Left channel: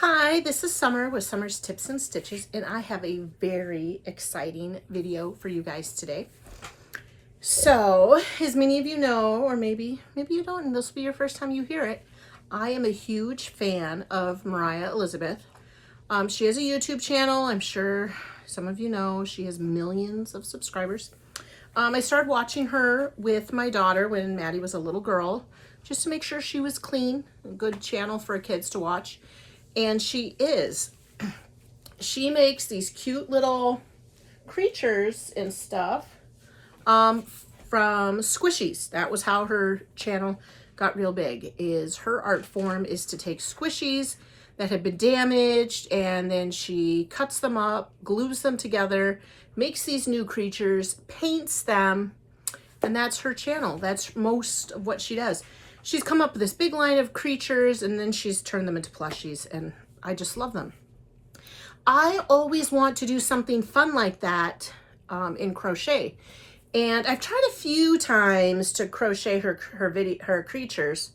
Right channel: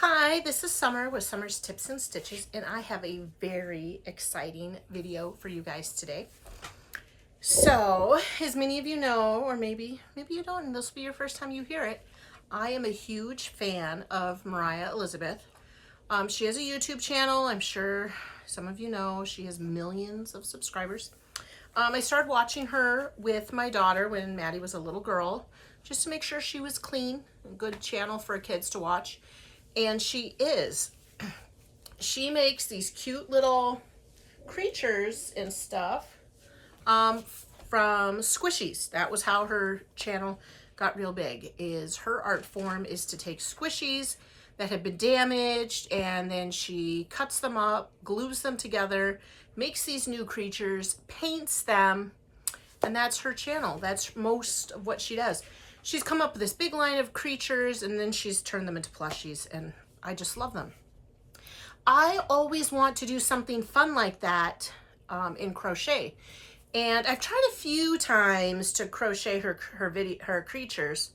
Hi, this is Summer with Summer's Tips and Stitches, and I have a very exciting video for you guys today. So, as many of you know, or maybe you don't, and this will be your first time you hear it, I am a huge fan of Moriah Elizabeth. She has a YouTube channel. I'm sure some of you know she has millions of subscribers. I started watching her with my daughter when Maddie was a little girl, just to make sure she was clean, a good channel for kids to watch. And she is. She makes these cute little creatures and stuff from squishies. That was how her channel got real big, is her art form is to take squishies that have been damaged, and then she cuts them up, glues them together, makes these new creatures, paints them, and that's her channel. That's most of what she does. She's come up with this big line of creatures, and then she's turned them into plushies, and I just love them. I always want to do something fun like that in crochet, and I've tried a few times to crochet her creatures.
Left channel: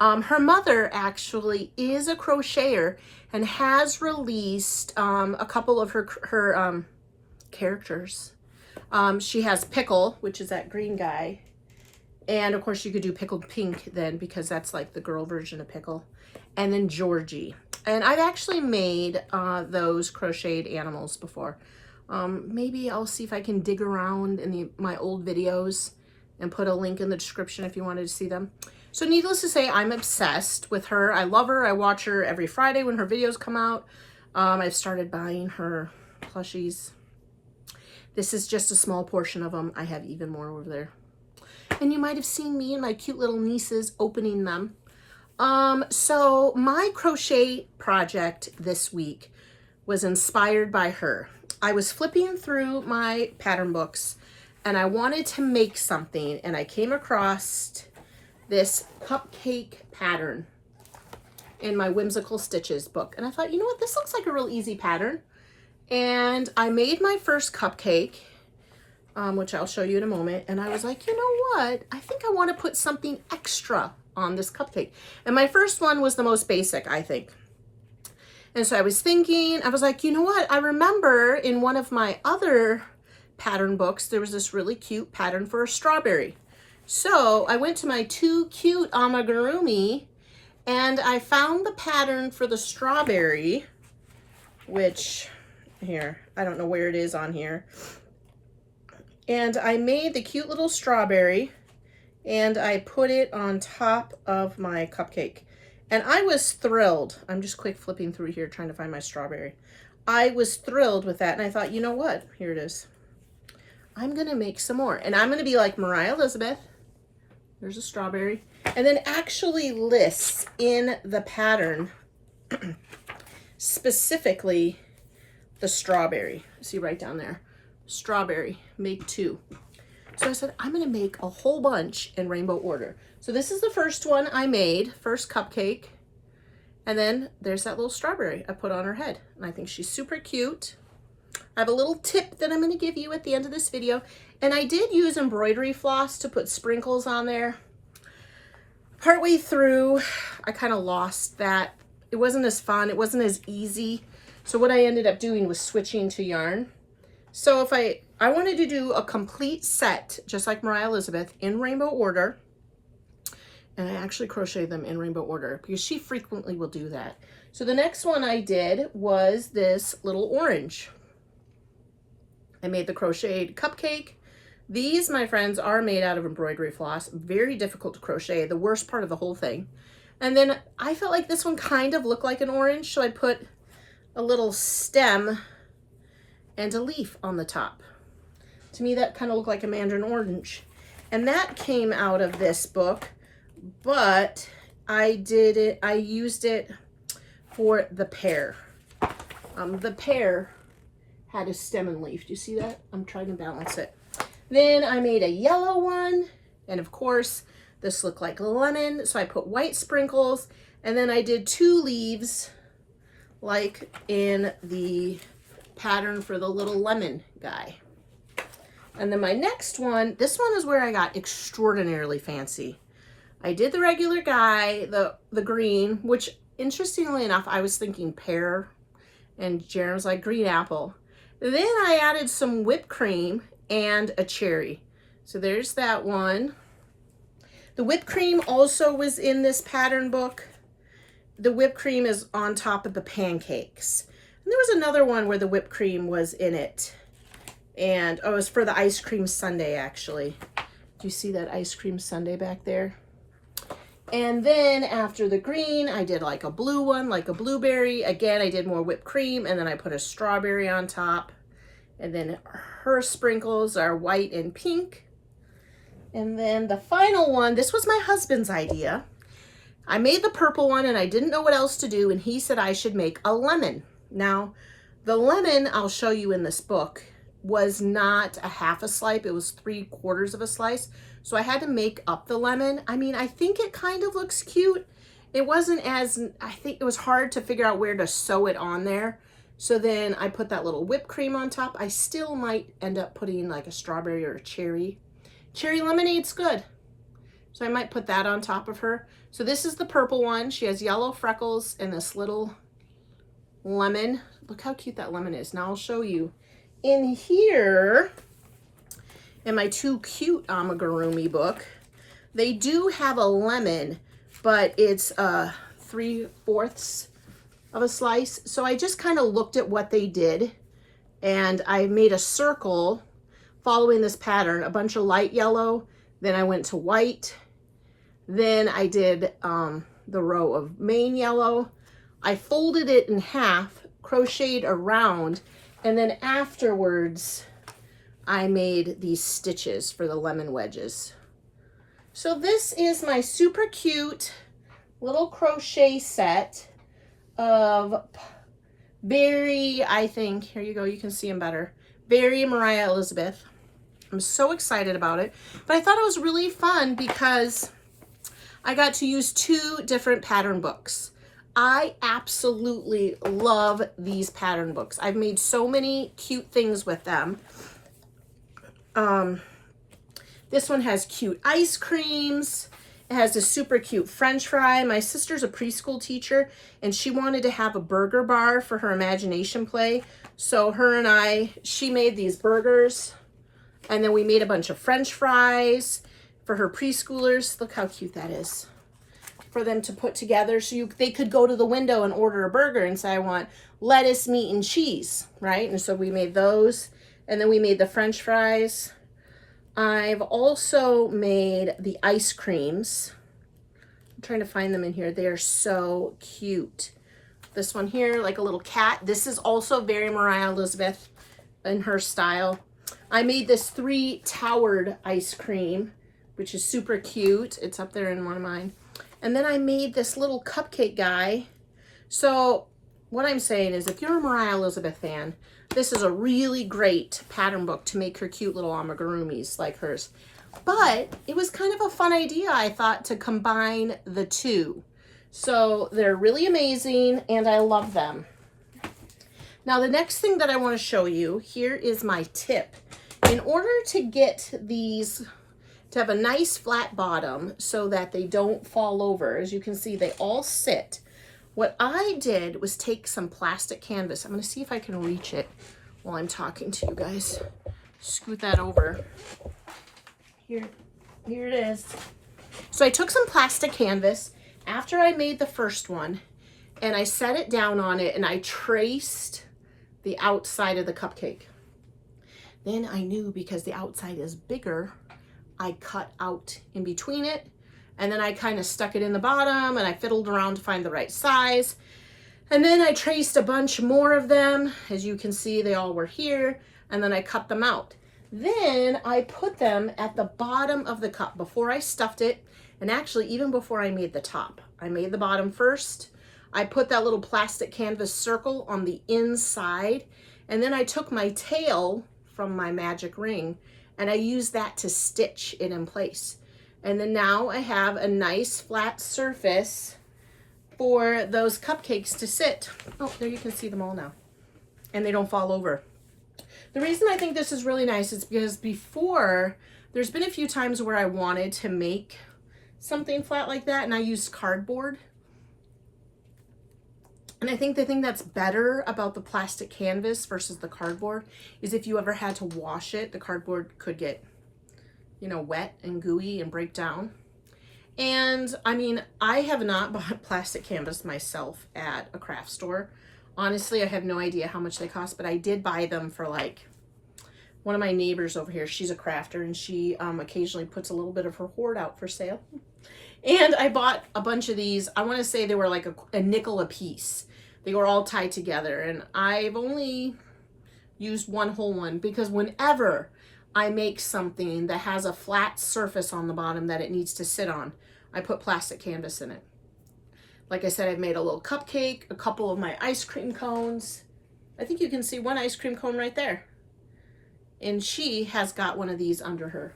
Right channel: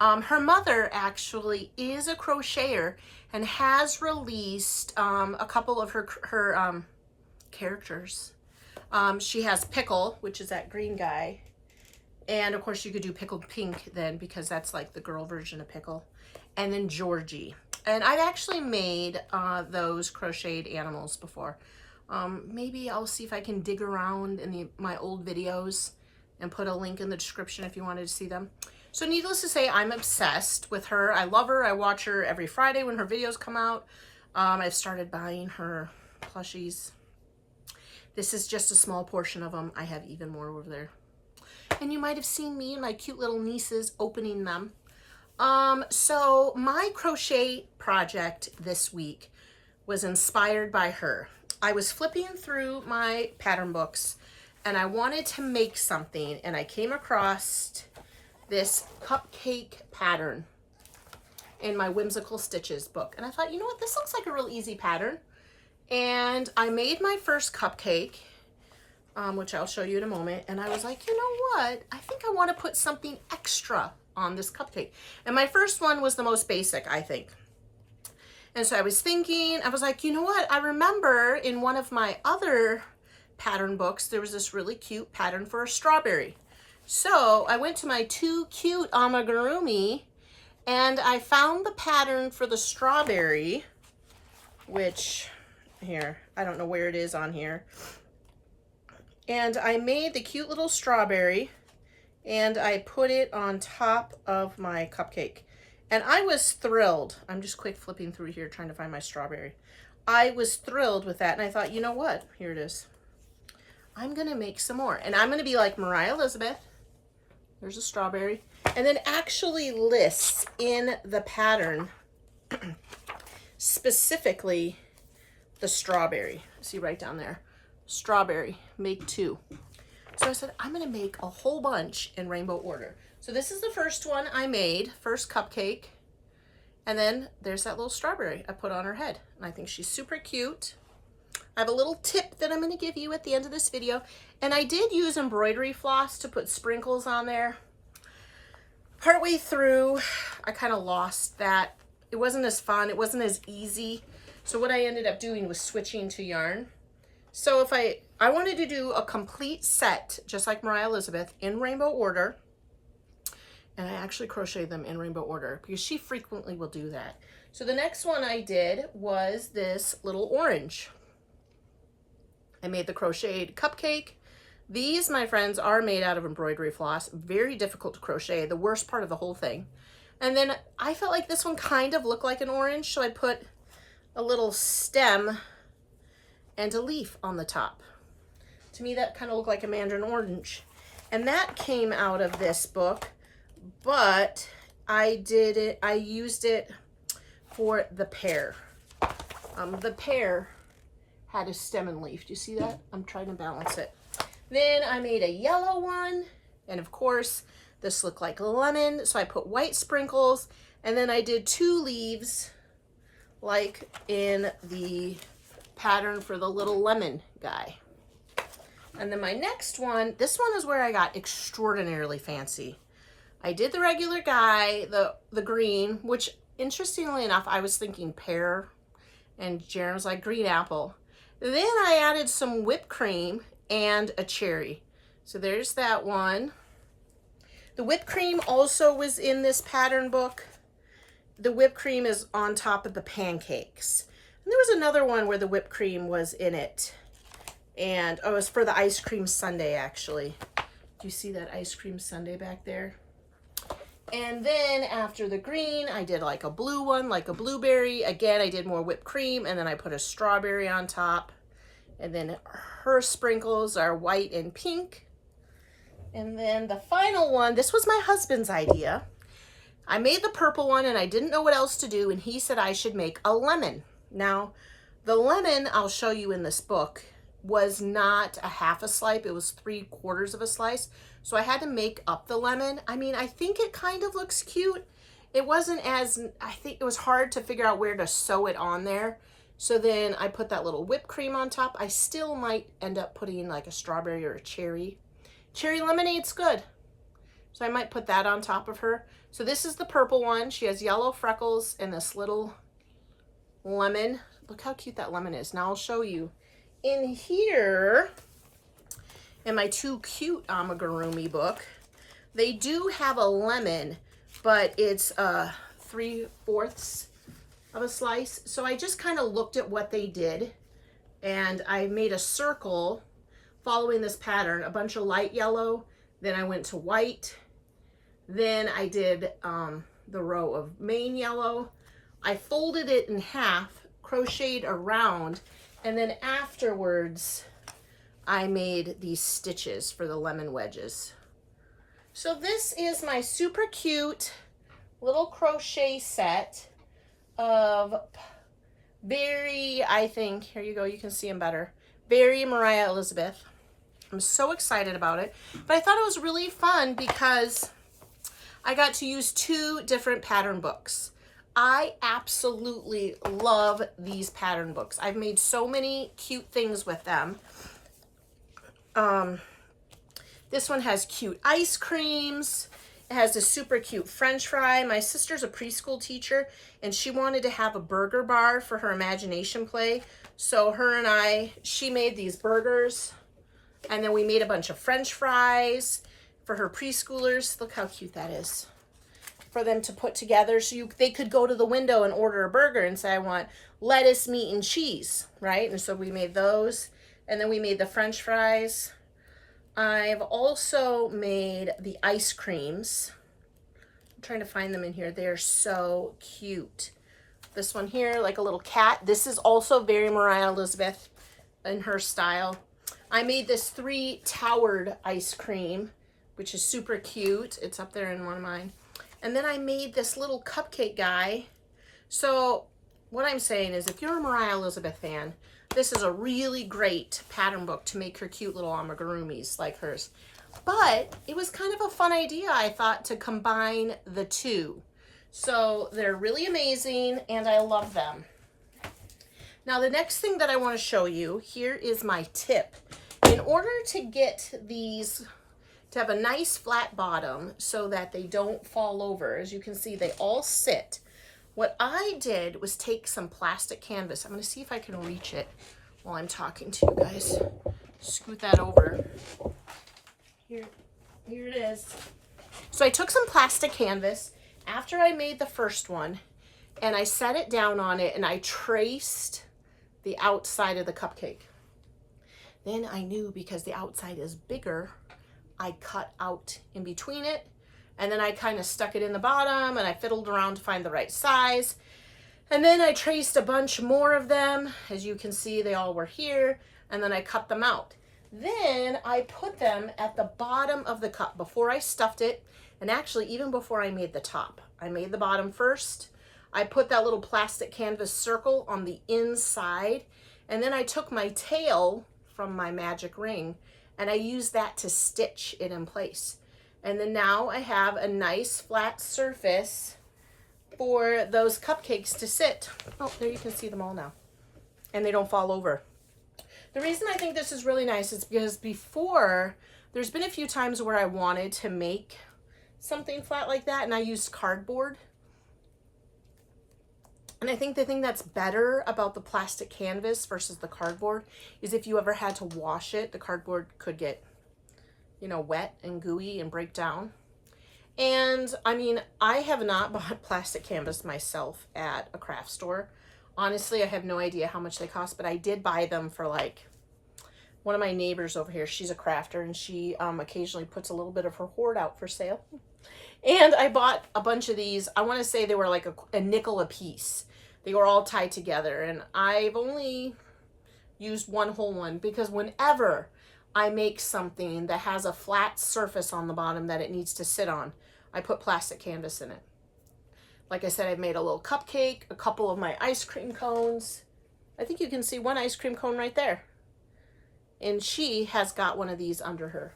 Her mother actually is a crocheter and has released a couple of her characters. She has Pickle, which is that green guy. And of course you could do Pickled Pink then, because that's like the girl version of Pickle. And then Georgie. And I've actually made those crocheted animals before. Maybe I'll see if I can dig around in my old videos and put a link in the description if you wanted to see them. So needless to say, I'm obsessed with her. I love her. I watch her every Friday when her videos come out. I've started buying her plushies. This is just a small portion of them. I have even more over there. And you might have seen me and my cute little nieces opening them. So my crochet project this week was inspired by her. I was flipping through my pattern books and I wanted to make something, and I came across this cupcake pattern in my Whimsical Stitches book. And I thought, you know what, this looks like a real easy pattern. And I made my first cupcake, which I'll show you in a moment. And I was like, you know what? I think I want to put something extra on this cupcake. And my first one was the most basic, I think. And so I was thinking, I was like, you know what? I remember in one of my other pattern books, there was this really cute pattern for a strawberry. So I went to my Too Cute Amigurumi and I found the pattern for the strawberry, which here, I don't know where it is on here. And I made the cute little strawberry and I put it on top of my cupcake. And I was thrilled. I'm just quick flipping through here trying to find my strawberry. I was thrilled with that, and I thought, you know what? Here it is. I'm gonna make some more. And I'm gonna be like Moriah Elizabeth. There's a strawberry. And then actually lists in the pattern specifically the strawberry. See right down there. Strawberry, make 2. So I said, I'm gonna make a whole bunch in rainbow order. So this is the first one I made, first cupcake. And then there's that little strawberry I put on her head. And I think she's super cute. I have a little tip that I'm gonna give you at the end of this video. And I did use embroidery floss to put sprinkles on there. Partway through, I kind of lost that. It wasn't as fun, it wasn't as easy. So what I ended up doing was switching to yarn. So if I wanted to do a complete set, just like Moriah Elizabeth, in rainbow order, and I actually crocheted them in rainbow order because she frequently will do that. So the next one I did was this little orange. I made the crocheted cupcake. These, my friends, are made out of embroidery floss. Very difficult to crochet, the worst part of the whole thing. And then I felt like this one kind of looked like an orange, so I put a little stem and a leaf on the top. To me, that kind of looked like a mandarin orange. And that came out of this book, but I used it for the pear. The pear had a stem and leaf. Do you see that? I'm trying to balance it. Then I made a yellow one, and of course, this looked like lemon, so I put white sprinkles, and then I did 2 leaves, like in the pattern for the little lemon guy. And then my next one, this one is where I got extraordinarily fancy. I did the regular guy, the green, which interestingly enough, I was thinking pear, and Jaren's like green apple. Then I added some whipped cream and a cherry. So there's that one. The whipped cream also was in this pattern book. The whipped cream is on top of the pancakes. And there was another one where the whipped cream was in it. And oh, it was for the ice cream sundae, actually. Do you see that ice cream sundae back there? And then after the green, I did like a blue one, like a blueberry. Again, I did more whipped cream, and then I put a strawberry on top. And then her sprinkles are white and pink. And then the final one, this was my husband's idea. I made the purple one and I didn't know what else to do, and he said I should make a lemon. Now, the lemon, I'll show you in this book, was not a half a slice, it was 3/4 of a slice. So I had to make up the lemon. I mean, I think it kind of looks cute. It wasn't as, I think it was hard to figure out where to sew it on there. So then I put that little whipped cream on top. I still might end up putting like a strawberry or a cherry. Cherry lemonade's good. So I might put that on top of her. So this is the purple one. She has yellow freckles and this little lemon. Look how cute that lemon is. Now I'll show you. In here, in my Too Cute Amigurumi book, they do have a lemon, but it's 3/4 of a slice. So I just kind of looked at what they did, and I made a circle following this pattern, a bunch of light yellow, then I went to white, then I did the row of main yellow. I folded it in half, crocheted around, and then afterwards I made these stitches for the lemon wedges. So this is my super cute little crochet set of Berry, I think, here you go, you can see them better, Berry Moriah Elizabeth. I'm so excited about it, but I thought it was really fun because I got to use 2 different pattern books. I absolutely love these pattern books. I've made so many cute things with them. This one has cute ice creams. It has a super cute French fry. My sister's a preschool teacher, and she wanted to have a burger bar for her imagination play. So her and she made these burgers, and then we made a bunch of French fries for her preschoolers. Look how cute that is. For them to put together so they could go to the window and order a burger and say, I want lettuce, meat, and cheese, right? And so we made those, and then we made the French fries. I've also made the ice creams. I'm trying to find them in here. They're so cute. This one here, like a little cat. This is also very Moriah Elizabeth in her style. I made this 3-towered ice cream, which is super cute. It's up there in one of mine. And then I made this little cupcake guy. So what I'm saying is, if you're a Moriah Elizabeth fan, this is a really great pattern book to make her cute little amigurumis like hers. But it was kind of a fun idea, I thought, to combine the 2. So they're really amazing, and I love them. Now, the next thing that I want to show you, here is my tip. In order to get these to have a nice flat bottom so that they don't fall over, as you can see, they all sit. What I did was take some plastic canvas. I'm going to see if I can reach it while I'm talking to you guys. Scoot that over. Here it is. So I took some plastic canvas after I made the first one, and I set it down on it, and I traced the outside of the cupcake. Then I knew, because the outside is bigger, I cut out in between it, and then I kind of stuck it in the bottom, and I fiddled around to find the right size. And then I traced a bunch more of them. As you can see, they all were here, and then I cut them out. Then I put them at the bottom of the cup before I stuffed it, and actually even before I made the top. I made the bottom first. I put that little plastic canvas circle on the inside, and then I took my tail from my magic ring, and I used that to stitch it in place. And then now I have a nice flat surface for those cupcakes to sit. Oh, there you can see them all now. And they don't fall over. The reason I think this is really nice is because before, there's been a few times where I wanted to make something flat like that, and I used cardboard. And I think the thing that's better about the plastic canvas versus the cardboard is if you ever had to wash it, the cardboard could get, you know, wet and gooey and break down. And I mean, I have not bought plastic canvas myself at a craft store. Honestly, I have no idea how much they cost, but I did buy them for like one of my neighbors over here. She's a crafter, and she occasionally puts a little bit of her hoard out for sale. And I bought a bunch of these. I want to say they were like a nickel a piece. They were all tied together, and I've only used one whole one because whenever I make something that has a flat surface on the bottom that it needs to sit on, I put plastic canvas in it. Like I said, I've made a little cupcake, a couple of my ice cream cones. I think you can see one ice cream cone right there. And she has got one of these under her.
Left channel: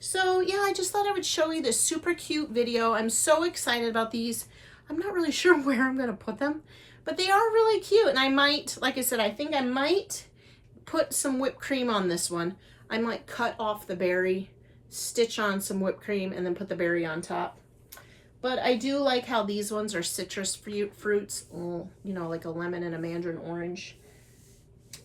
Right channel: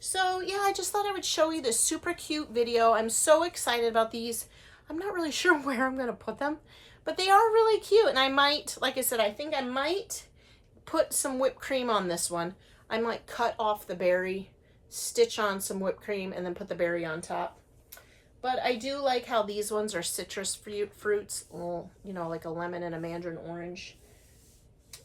So yeah, I just thought I would show you this super cute video. I'm so excited about these. I'm not really sure where I'm going to put them, but they are really cute. And I might, like I said, I think I might put some whipped cream on this one. I might cut off the berry, stitch on some whipped cream, and then put the berry on top. But I do like how these ones are citrus fruits, you know, like a lemon and a mandarin orange.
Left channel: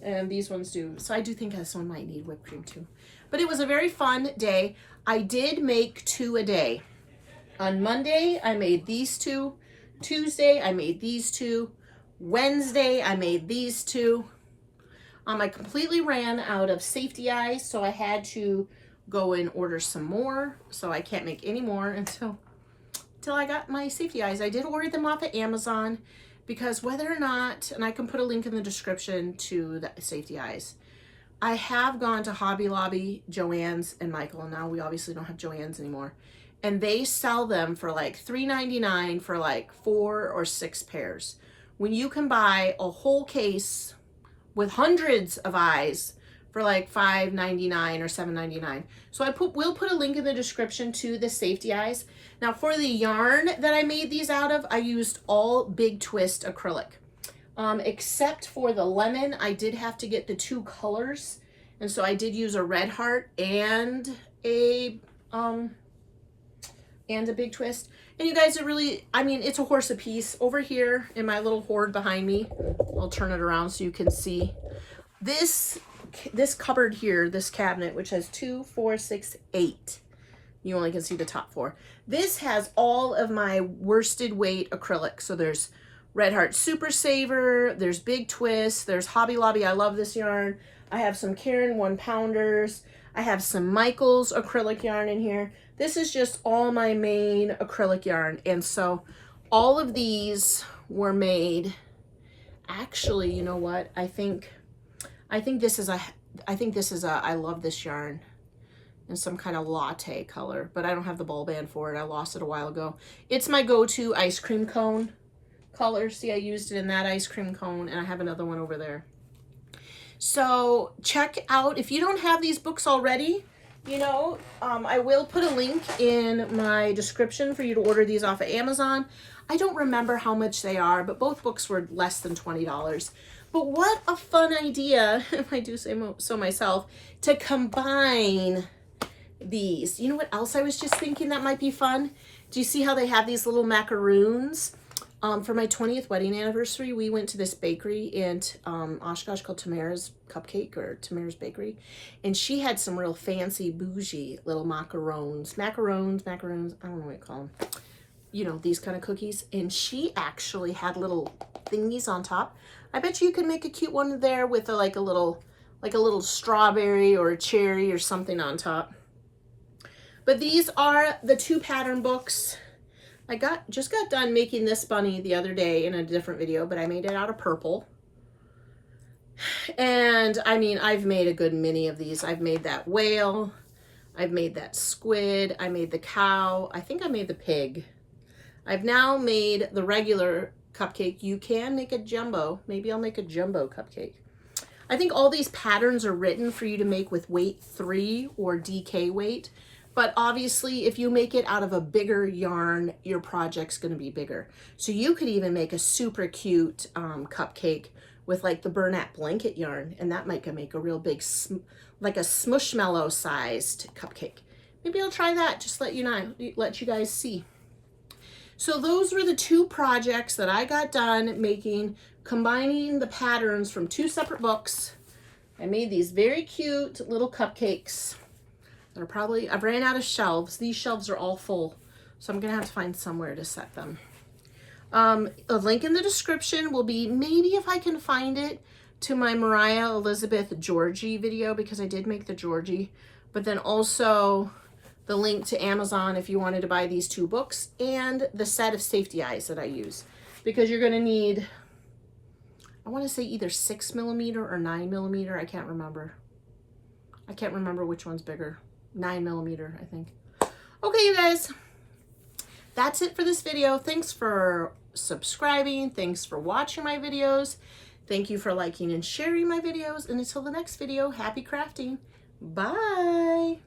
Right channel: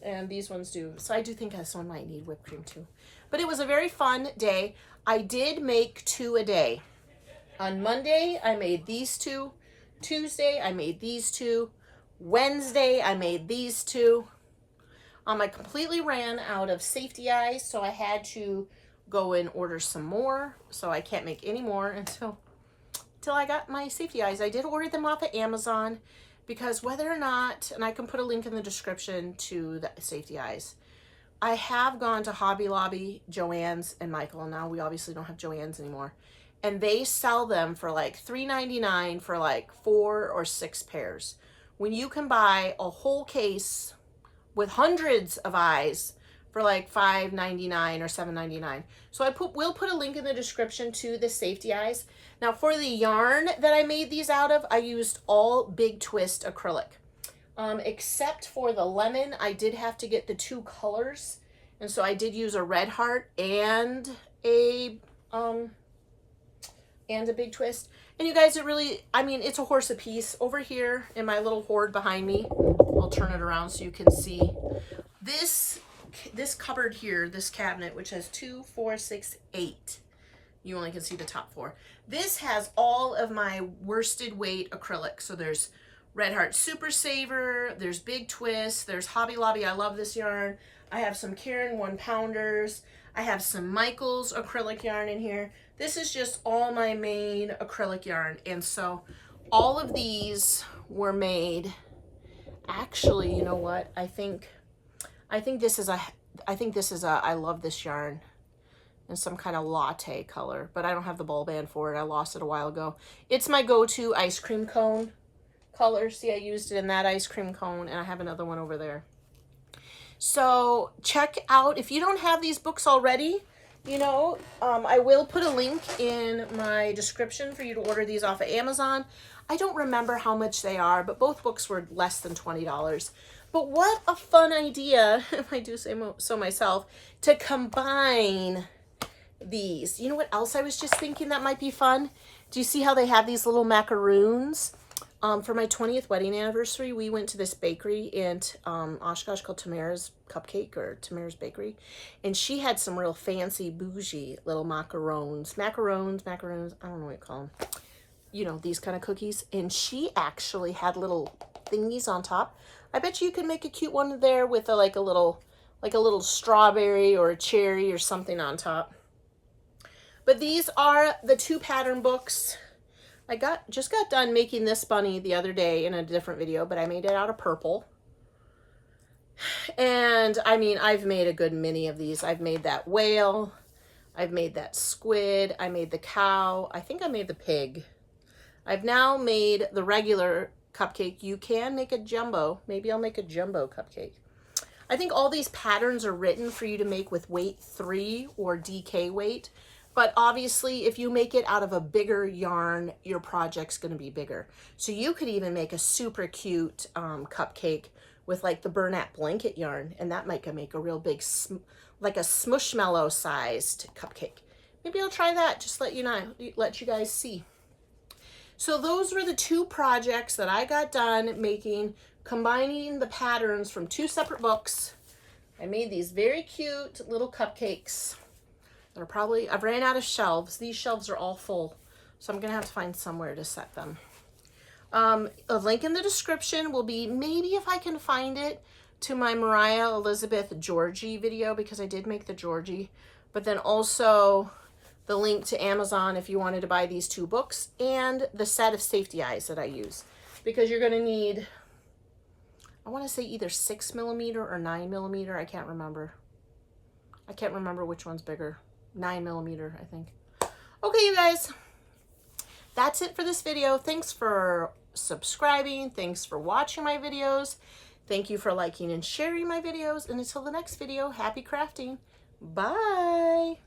And these ones do. So I do think this one might need whipped cream too. But it was a very fun day. I did make 2 a day. On Monday, I made these 2. Tuesday, I made these 2. Wednesday, I made these 2. I completely ran out of safety eyes, so I had to go and order some more. So I can't make any more until I got my safety eyes. I did order them off of Amazon because whether or not, and I can put a link in the description to the safety eyes, I have gone to Hobby Lobby, Joann's, and Michael, and now we obviously don't have Joann's anymore. And they sell them for like $3.99 for like 4 or 6 pairs. When you can buy a whole case with hundreds of eyes for like $5.99 or $7.99. So we'll put a link in the description to the safety eyes. Now for the yarn that I made these out of, I used all Big Twist acrylic. Except for the lemon, I did have to get the 2 colors. And so I did use a red heart and a Big Twist. And you guys, it really, I mean, it's a horse apiece. Over here in my little hoard behind me, I'll turn it around so you can see. This cupboard here, this cabinet, which has 2, 4, 6, 8. You only can see the top 4. This has all of my worsted weight acrylic. So there's Red Heart Super Saver, there's Big Twist, there's Hobby Lobby. I love this yarn. I have some Karen 1-pounders. I have some Michael's acrylic yarn in here. This is just all my main acrylic yarn. And so all of these were made. Actually, you know what? I think this is a I love this yarn in some kind of latte color, but I don't have the ball band for it. I lost it a while ago. It's my go-to ice cream cone color. See, I used it in that ice cream cone, and I have another one over there. So check out, if you don't have these books already, you know, I will put a link in my description for you to order these off of Amazon. I don't remember how much they are, but both books were less than $20. But what a fun idea, if I do say so myself, to combine these. You know what else I was just thinking that might be fun? Do you see how they have these little macaroons? For my 20th wedding anniversary, we went to this bakery in Oshkosh called Tamara's Cupcake, or Tamara's Bakery, and she had some real fancy bougie little macarons, I don't know what you call them, you know, these kind of cookies. And she actually had little thingies on top. I bet you could make a cute one there with like a little strawberry or a cherry or something on top. But these are the 2 pattern books. I just got done making this bunny the other day in a different video, but I made it out of purple. And I mean, I've made a good many of these. I've made that whale. I've made that squid. I made the cow. I think I made the pig. I've now made the regular cupcake. You can make a jumbo. Maybe I'll make a jumbo cupcake. I think all these patterns are written for you to make with weight 3 or DK weight. But obviously, if you make it out of a bigger yarn, your project's going to be bigger. So you could even make a super cute cupcake with like the Bernat blanket yarn, and that might make a real big, like a smushmallow sized cupcake. Maybe I'll try that. Just let you guys see. So those were the two projects that I got done making, combining the patterns from two separate books. I made these very cute little cupcakes. They're probably, I've ran out of shelves. These shelves are all full, so I'm gonna have to find somewhere to set them. A link in the description will be, maybe if I can find it, to my Moriah Elizabeth Georgie video, because I did make the Georgie, but then also the link to Amazon if you wanted to buy these two books and the set of safety eyes that I use, because you're gonna need, I wanna say either 6mm or 9mm, I can't remember. I can't remember which one's bigger. 9mm, I think. Okay, you guys, that's it for this video. Thanks for subscribing. Thanks for watching my videos. Thank you for liking and sharing my videos. And until the next video, happy crafting. Bye.